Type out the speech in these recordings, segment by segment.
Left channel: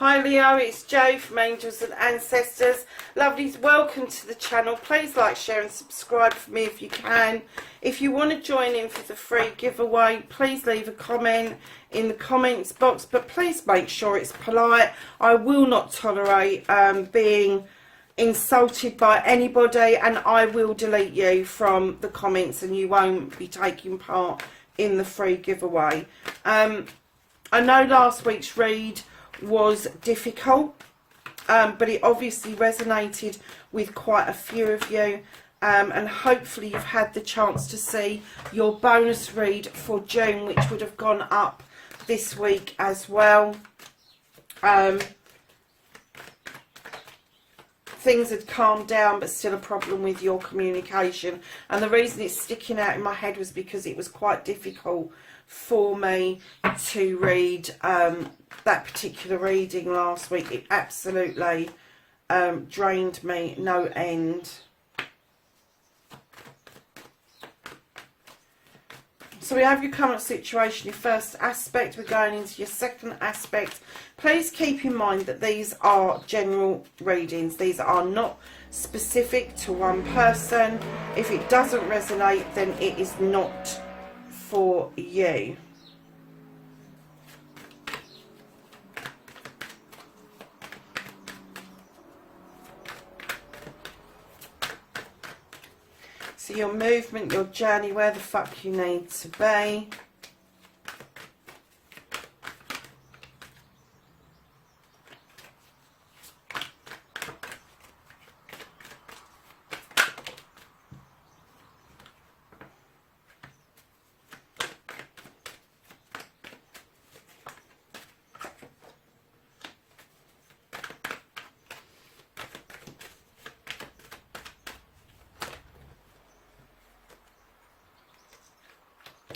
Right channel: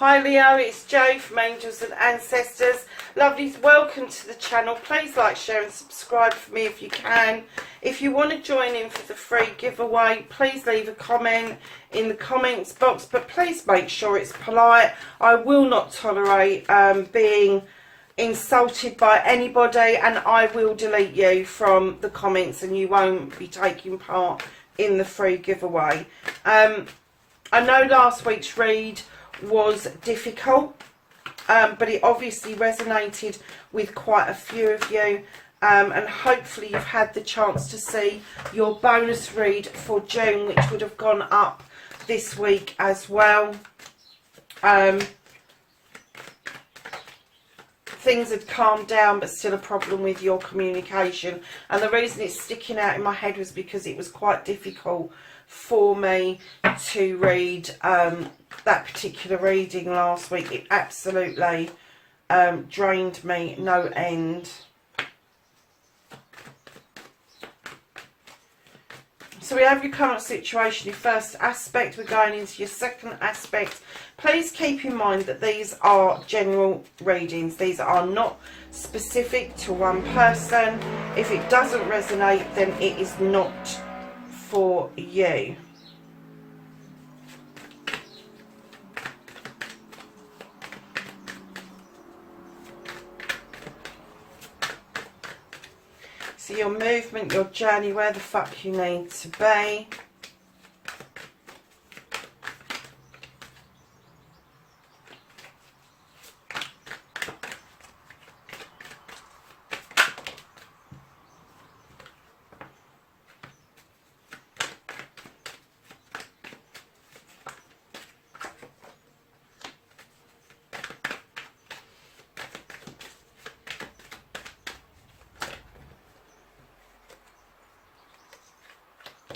Hi Leo, it's Jo from Angels and Ancestors. Lovelies, welcome to the channel. Please like, share and subscribe for me if you can. If you want to join in for the free giveaway, please leave a comment in the comments box, but please make sure it's polite. I will not tolerate being insulted by anybody, and I will delete you from the comments and you won't be taking part in the free giveaway. I know last week's read was difficult, but it obviously resonated with quite a few of you, and hopefully you've had the chance to see your bonus read for June, which would have gone up this week as well. Things had calmed down, but still a problem with your communication, and the reason it's sticking out in my head was because it was quite difficult for me to read that particular reading last week. It absolutely drained me no end. So we have your current situation, your first aspect. We're going into your second aspect. Please keep in mind that these are general readings. These are not specific to one person. If it doesn't resonate, then it is not for you. So your movement, your journey, where the fuck you need to be.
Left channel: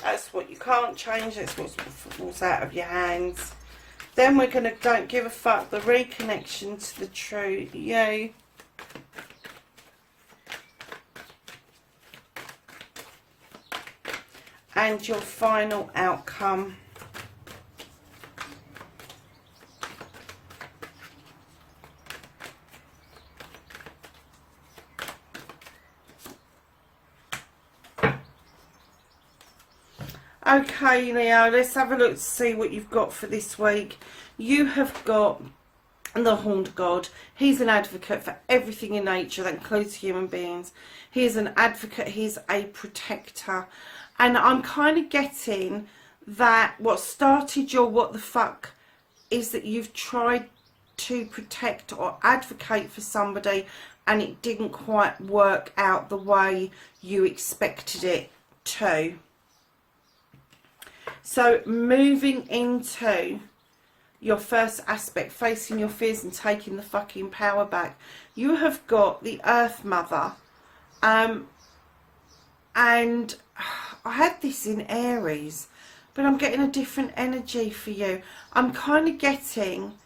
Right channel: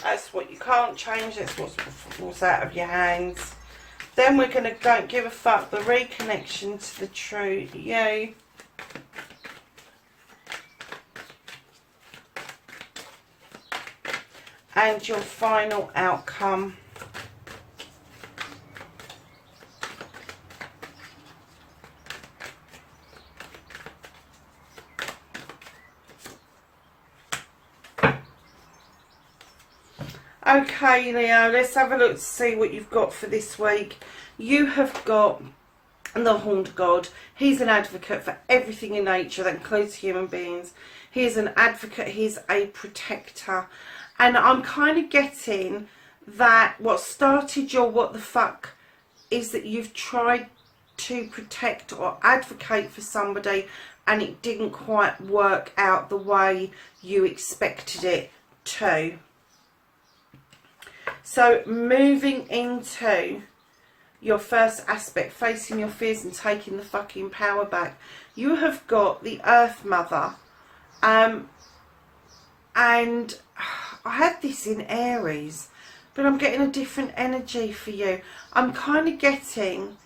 That's what you can't change. That's what falls out of your hands. Then we're going to Don't Give a Fuck, the reconnection to the true you. And your final outcome. Okay, Leo, let's have a look to see what you've got for this week. You have got the Horned God. He's an advocate for everything in nature. That includes human beings. He is an advocate. He's a protector. And I'm kind of getting that what started your what the fuck is that you've tried to protect or advocate for somebody and it didn't quite work out the way you expected it to. So moving into your first aspect, facing your fears and taking the fucking power back, you have got the Earth Mother, and I had this in Aries, but I'm getting a different energy for you. I'm kind of getting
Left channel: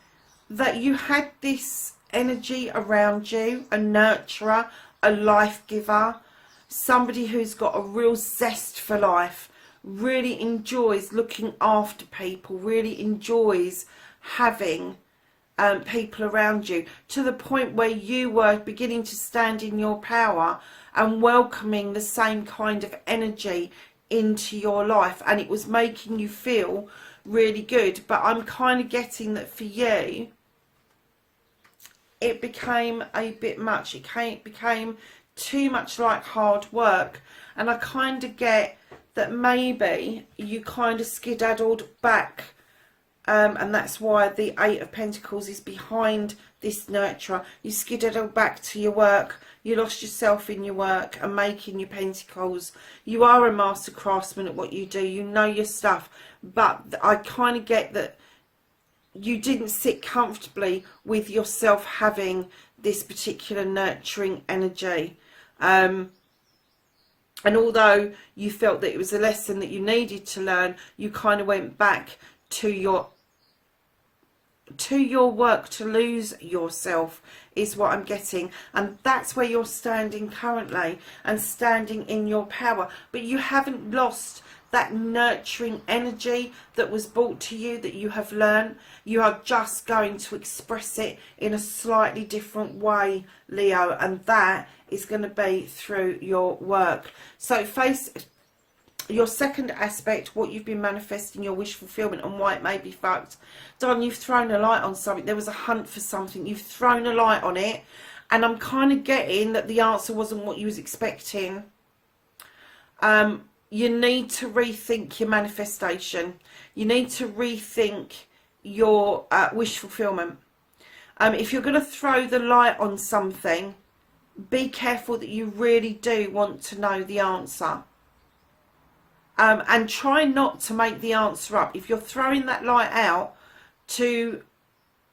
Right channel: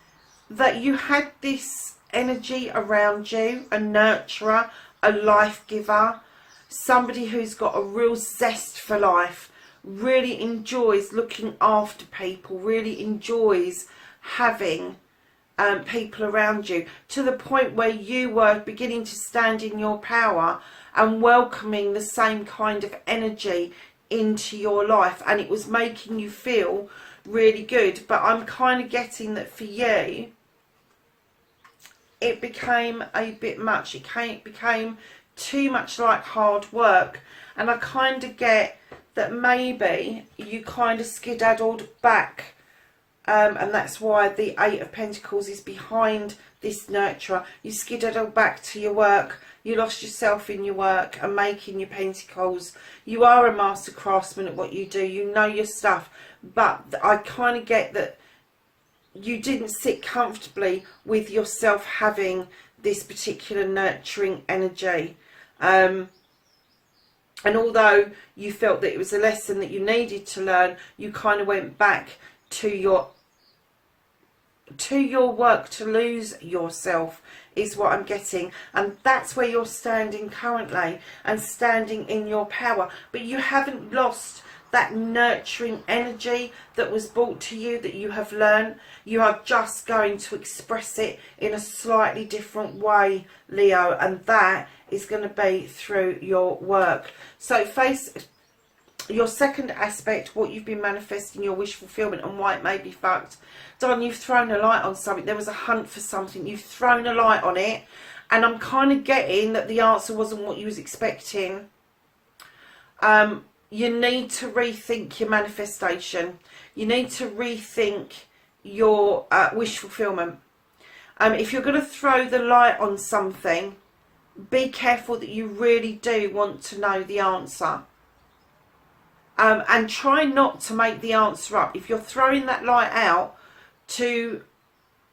that you had this energy around you, a nurturer, a life giver, somebody who's got a real zest for life, really enjoys looking after people, really enjoys having people around you, to the point where you were beginning to stand in your power and welcoming the same kind of energy into your life, and it was making you feel really good. But I'm kind of getting that for you it became a bit much. It became too much like hard work, and I kind of get that maybe you kind of skedaddled back, and that's why the Eight of Pentacles is behind this nurturer. You skedaddled back to your work, you lost yourself in your work and making your pentacles. You are a master craftsman at what you do, you know your stuff, but I kind of get that you didn't sit comfortably with yourself having this particular nurturing energy. And although you felt that it was a lesson that you needed to learn, you kind of went back to your work to lose yourself, is what I'm getting. And that's where you're standing currently, and standing in your power. But you haven't lost that nurturing energy that was brought to you, that you have learned. You are just going to express it in a slightly different way, Leo, and that is going to be through your work. So face your second aspect, what you've been manifesting, your wish fulfillment, and why it may be fucked. Don, you've thrown a light on something. There was a hunt for something. You've thrown a light on it, and I'm kind of getting that the answer wasn't what you was expecting. You need to rethink your manifestation. You need to rethink your wish fulfillment. If you're going to throw the light on something, be careful that you really do want to know the answer. And try not to make the answer up. If you're throwing that light out to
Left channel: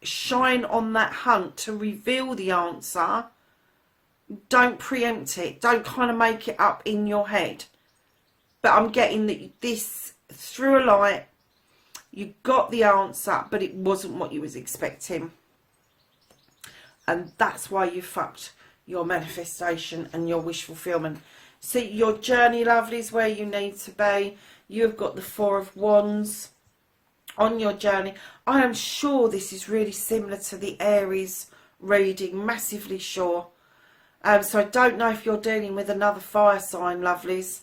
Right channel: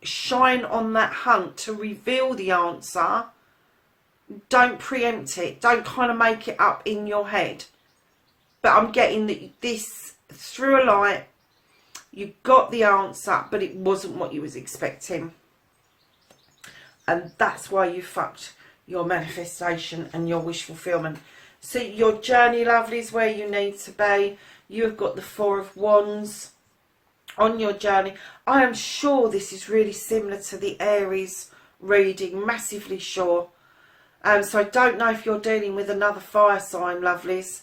shine on that hunt, to reveal the answer, don't preempt it. Don't kind of make it up in your head. But I'm getting that this, through a light, you got the answer, but it wasn't what you was expecting. And that's why you fucked your manifestation and your wish fulfillment. So your journey, lovely, is where you need to be. You have got the Four of Wands on your journey. I am sure this is really similar to the Aries reading, massively sure. So I don't know if you're dealing with another fire sign, lovelies,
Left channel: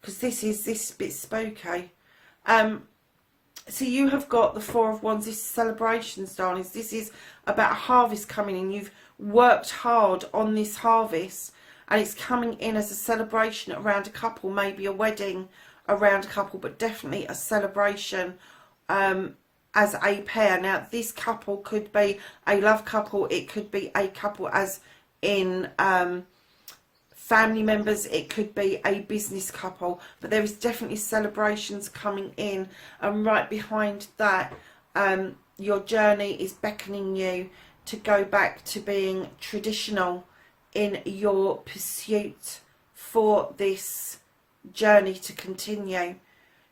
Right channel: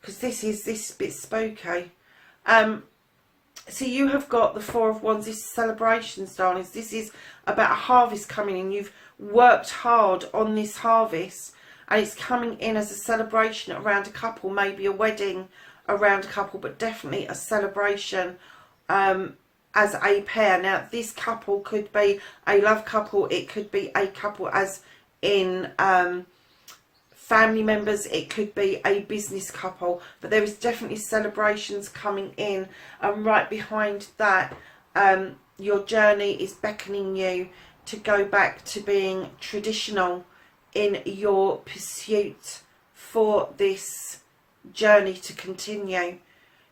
because this bit spooky. So you have got the Four of Wands. This is celebrations, darlings. This is about a harvest coming in. You've worked hard on this harvest, and it's coming in as a celebration around a couple, maybe a wedding around a couple, but definitely a celebration as a pair. Now, this couple could be a love couple. It could be a couple as in family members. It could be a business couple. But there is definitely celebrations coming in. And right behind that, your journey is beckoning you to go back to being traditional in your pursuit for this journey to continue.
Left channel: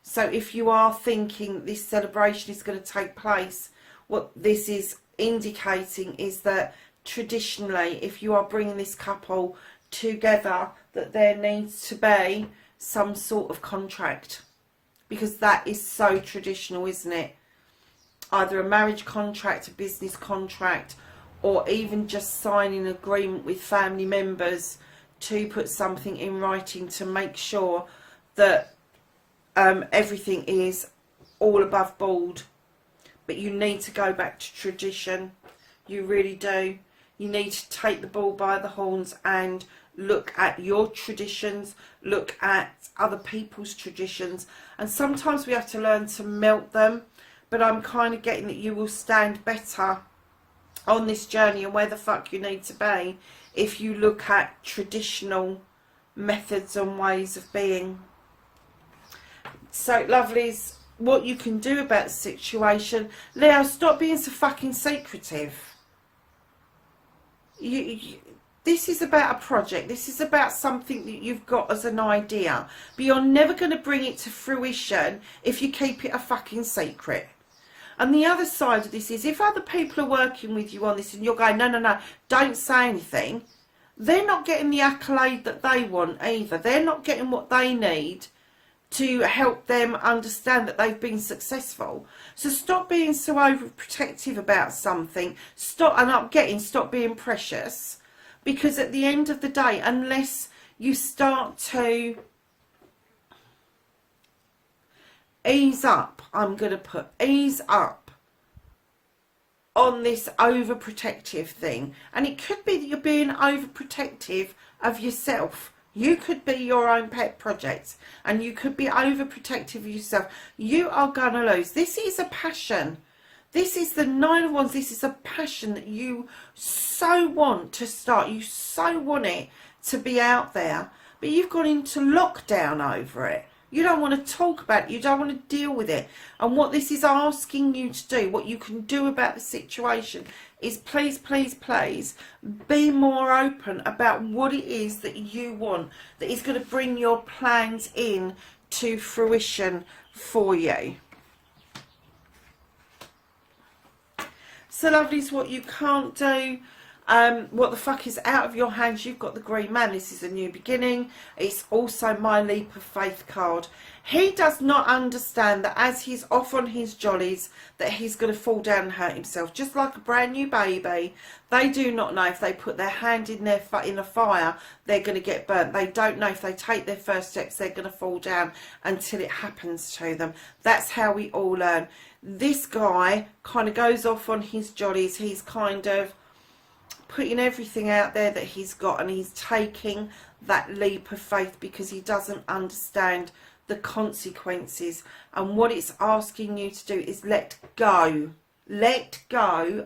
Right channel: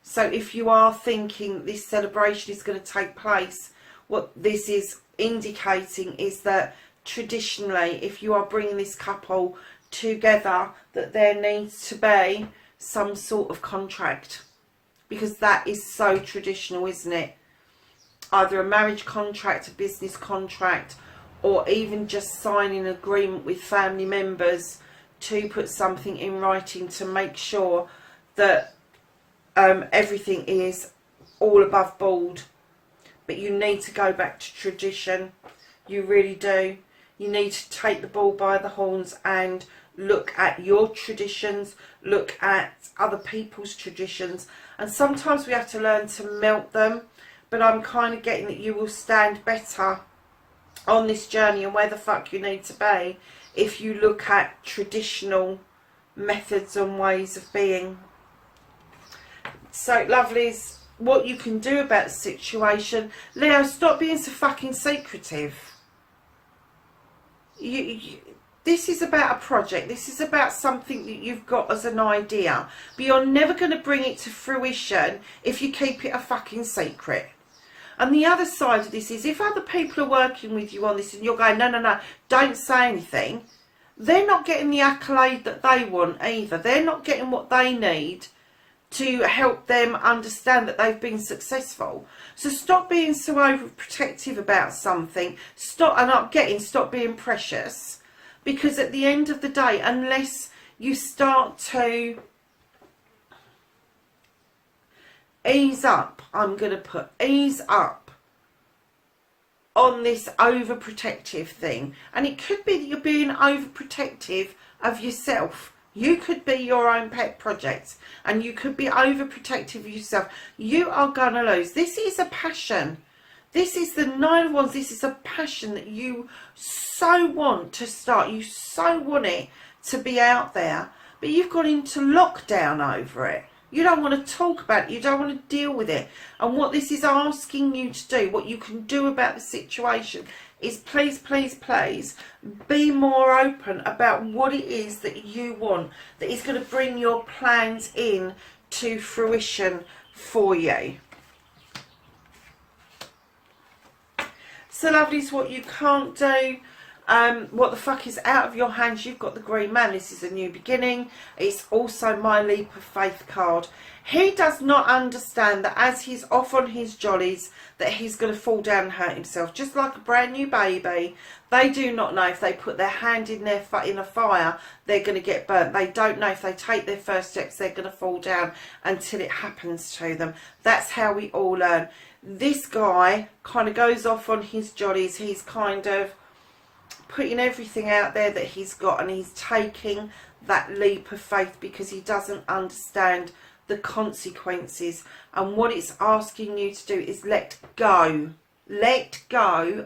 So if you are thinking this celebration is going to take place, what this is indicating is that traditionally, if you are bringing this couple together, that there needs to be some sort of contract, because that is so traditional, isn't it? Either a marriage contract, a business contract, or even just signing an agreement with family members to put something in writing to make sure that everything is all above board. But you need to go back to tradition. You really do. You need to take the bull by the horns and look at your traditions, look at other people's traditions. And sometimes we have to learn to melt them. But I'm kind of getting that you will stand better on this journey and where the fuck you need to be if you look at traditional methods and ways of being. So, lovelies, what you can do about the situation, Leo, stop being so fucking secretive. This is about a project. This is about something that you've got as an idea, but you're never going to bring it to fruition if you keep it a fucking secret. And the other side of this is, if other people are working with you on this and you're going, no, don't say anything, they're not getting the accolade that they want either. They're not getting what they need to help them understand that they've been successful. So stop being so overprotective about something. Stop being precious. Because at the end of the day, unless you start to ease up, I'm going to put ease up on this overprotective thing. And it could be that you're being overprotective of yourself. You could be your own pet project, and you could be overprotective of yourself. You are going to lose. This is a passion. This is the Nine of Wands. This is a passion that you so want to start. You so want it to be out there, but you've gone into lockdown over it. You don't want to talk about it. You don't want to deal with it. And what this is asking you to do, what you can do about the situation, is please, please, please be more open about what it is that you want, that is going to bring your plans in to fruition for you. So, lovelies, what you can't do, What the fuck is out of your hands? You've got the Green Man. This is a new beginning. It's also my leap of faith card. He does not understand that as he's off on his jollies, that he's going to fall down and hurt himself. Just like a brand new baby, they do not know if they put their hand in a fire, they're going to get burnt. They don't know if they take their first steps, they're going to fall down until it happens to them. That's how we all learn. This guy kind of goes off on his jollies. He's kind of putting everything out there that he's got, and he's taking that leap of faith because he doesn't understand the consequences. And what it's asking you to do is let go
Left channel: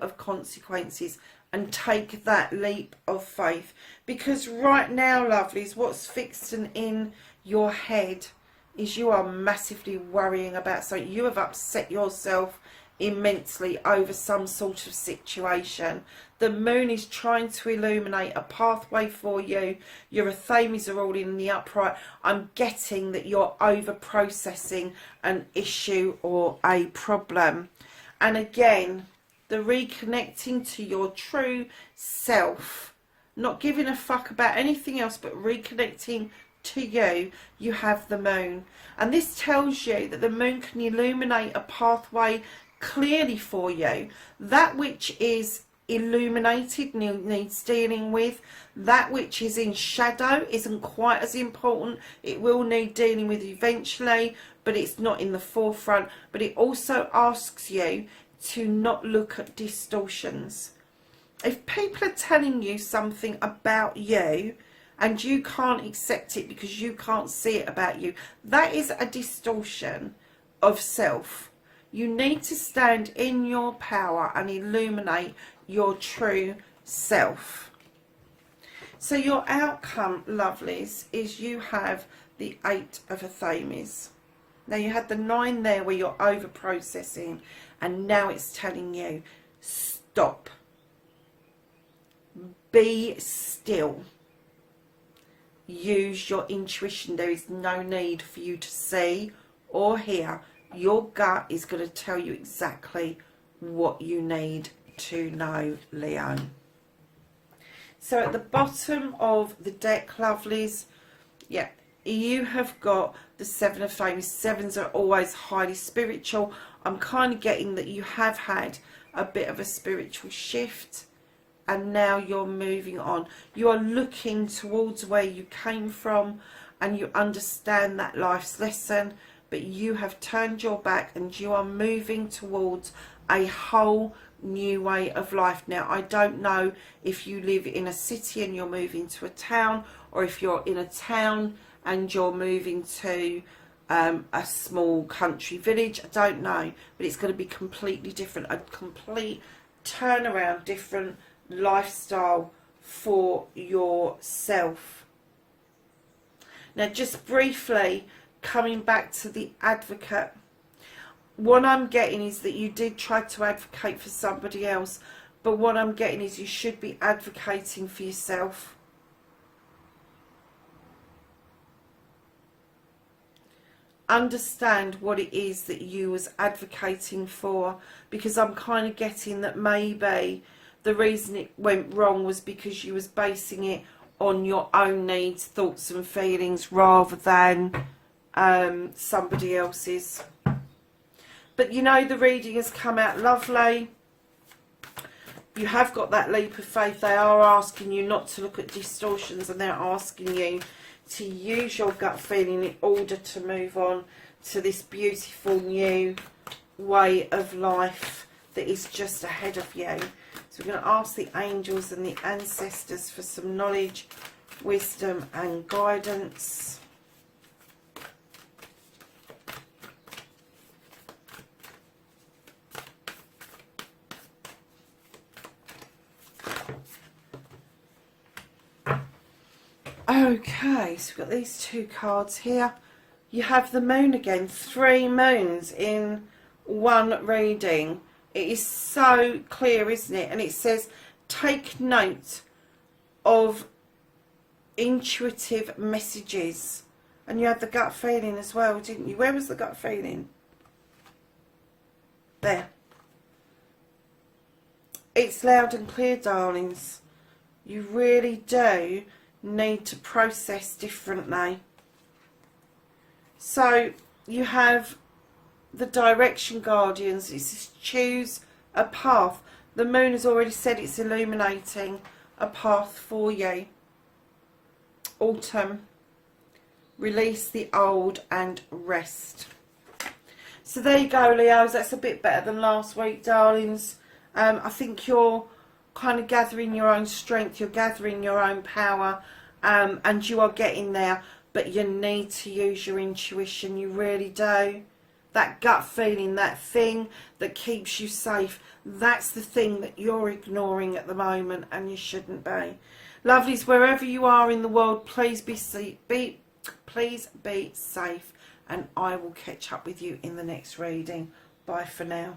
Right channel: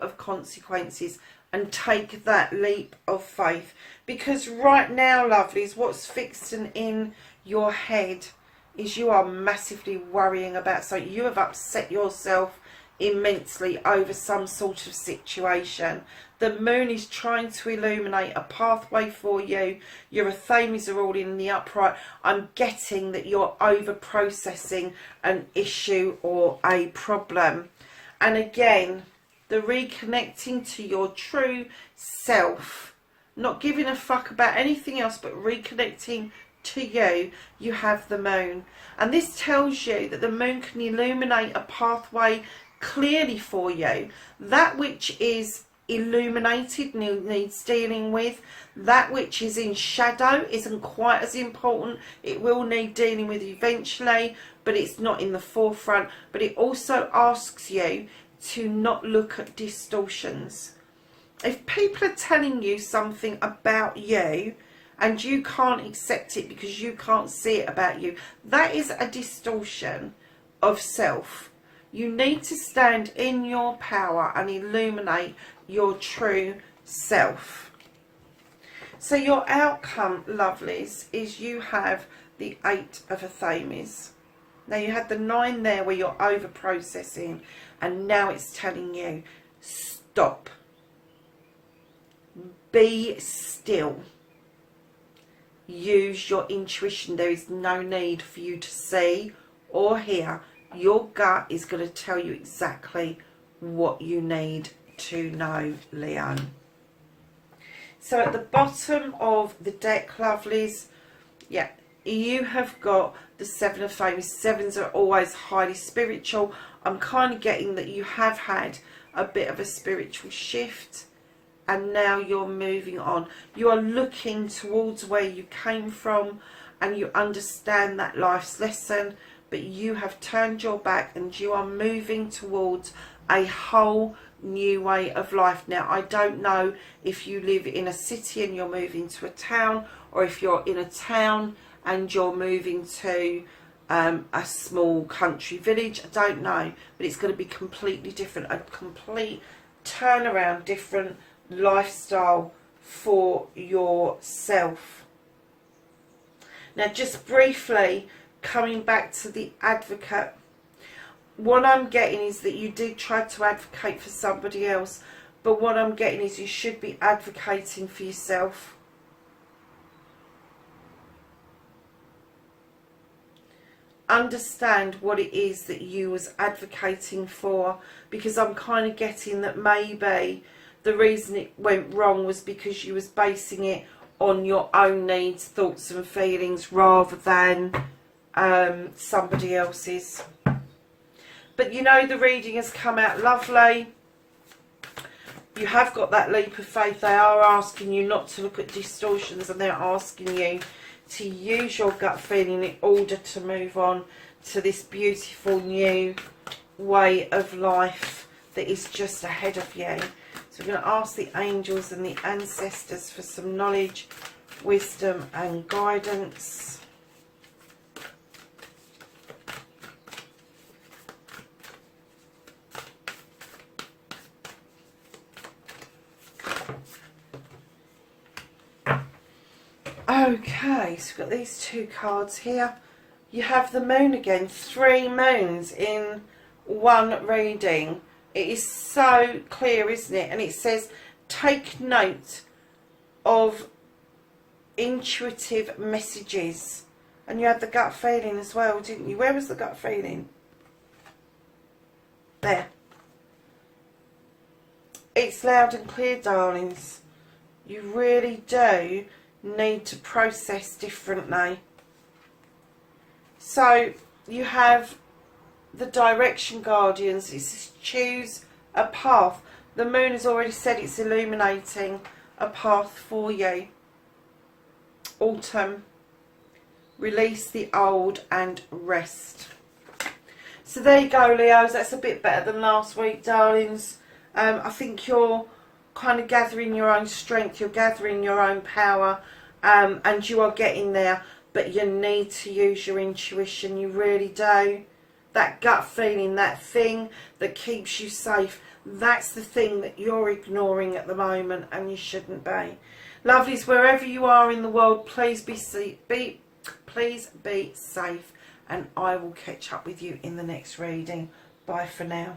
of consequences and take that leap of faith. Because right now, lovelies, what's fixing in your head is you are massively worrying about something. You have upset yourself immensely over some sort of situation. The moon is trying to illuminate a pathway for you. Your Athames are all in the upright. I'm getting that you're over processing an issue or a problem. And again, the reconnecting to your true self, not giving a fuck about anything else but reconnecting to you, you have the moon. And this tells you that the moon can illuminate a pathway clearly for you. That which is illuminated needs dealing with. That which is in shadow isn't quite as important. It will need dealing with eventually, but it's not in the forefront. But it also asks you to not look at distortions. If people are telling you something about you and you can't accept it because you can't see it about you, that is a distortion of self. You need to stand in your power and illuminate your true self. So your outcome, lovelies, is you have the 8 of Athames. Now you had the 9 there where you're over processing, and now it's telling you stop, be still, use your intuition. There is no need for you to see or hear. Your gut is going to tell you exactly what you need to know, Leo. So at the bottom of the deck, lovelies, yeah, you have got the 7 of Flames. 7s are always highly spiritual. I'm kind of getting that you have had a bit of a spiritual shift and now you're moving on. You are looking towards where you came from and you understand that life's lesson, but you have turned your back and you are moving towards a whole new way of life. Now, I don't know if you live in a city and you're moving to a town, or if you're in a town and you're moving to a small country village. I don't know, but it's going to be completely different, a complete turnaround, different lifestyle for yourself. Now, just briefly coming back to the Advocate, what I'm getting is that you did try to advocate for somebody else, but what I'm getting is you should be advocating for yourself. Understand what it is that you was advocating for, because I'm kind of getting that maybe the reason it went wrong was because you was basing it on your own needs, thoughts and feelings rather than somebody else's. But you know, the reading has come out lovely. You have got that leap of faith. They are asking you not to look at distortions, and they're asking you to use your gut feeling in order to move on to this beautiful new way of life that is just ahead of you. So we're going to ask the angels and the ancestors for some knowledge, wisdom and guidance. Okay, so we've got these 2 cards here. You have the moon again, 3 moons in one reading. It is so clear, isn't it? And it says, take note of intuitive messages. And you had the gut feeling as well, didn't you? Where was the gut feeling? There. It's loud and clear, darlings. You really do need to process differently. So you have the direction guardians. It says choose a path. The moon has already said it's illuminating a path for you. Autumn. Release the old and rest. So there you go, Leos. That's a bit better than last week, darlings. I think you're kind of gathering your own strength. You're gathering your own power. And you are getting there. But you need to use your intuition. You really do. That gut feeling, that thing that keeps you safe. That's the thing that you're ignoring at the moment. And you shouldn't be. Lovelies, wherever you are in the world, please be safe. And I will catch up with you in the next reading. Bye for now.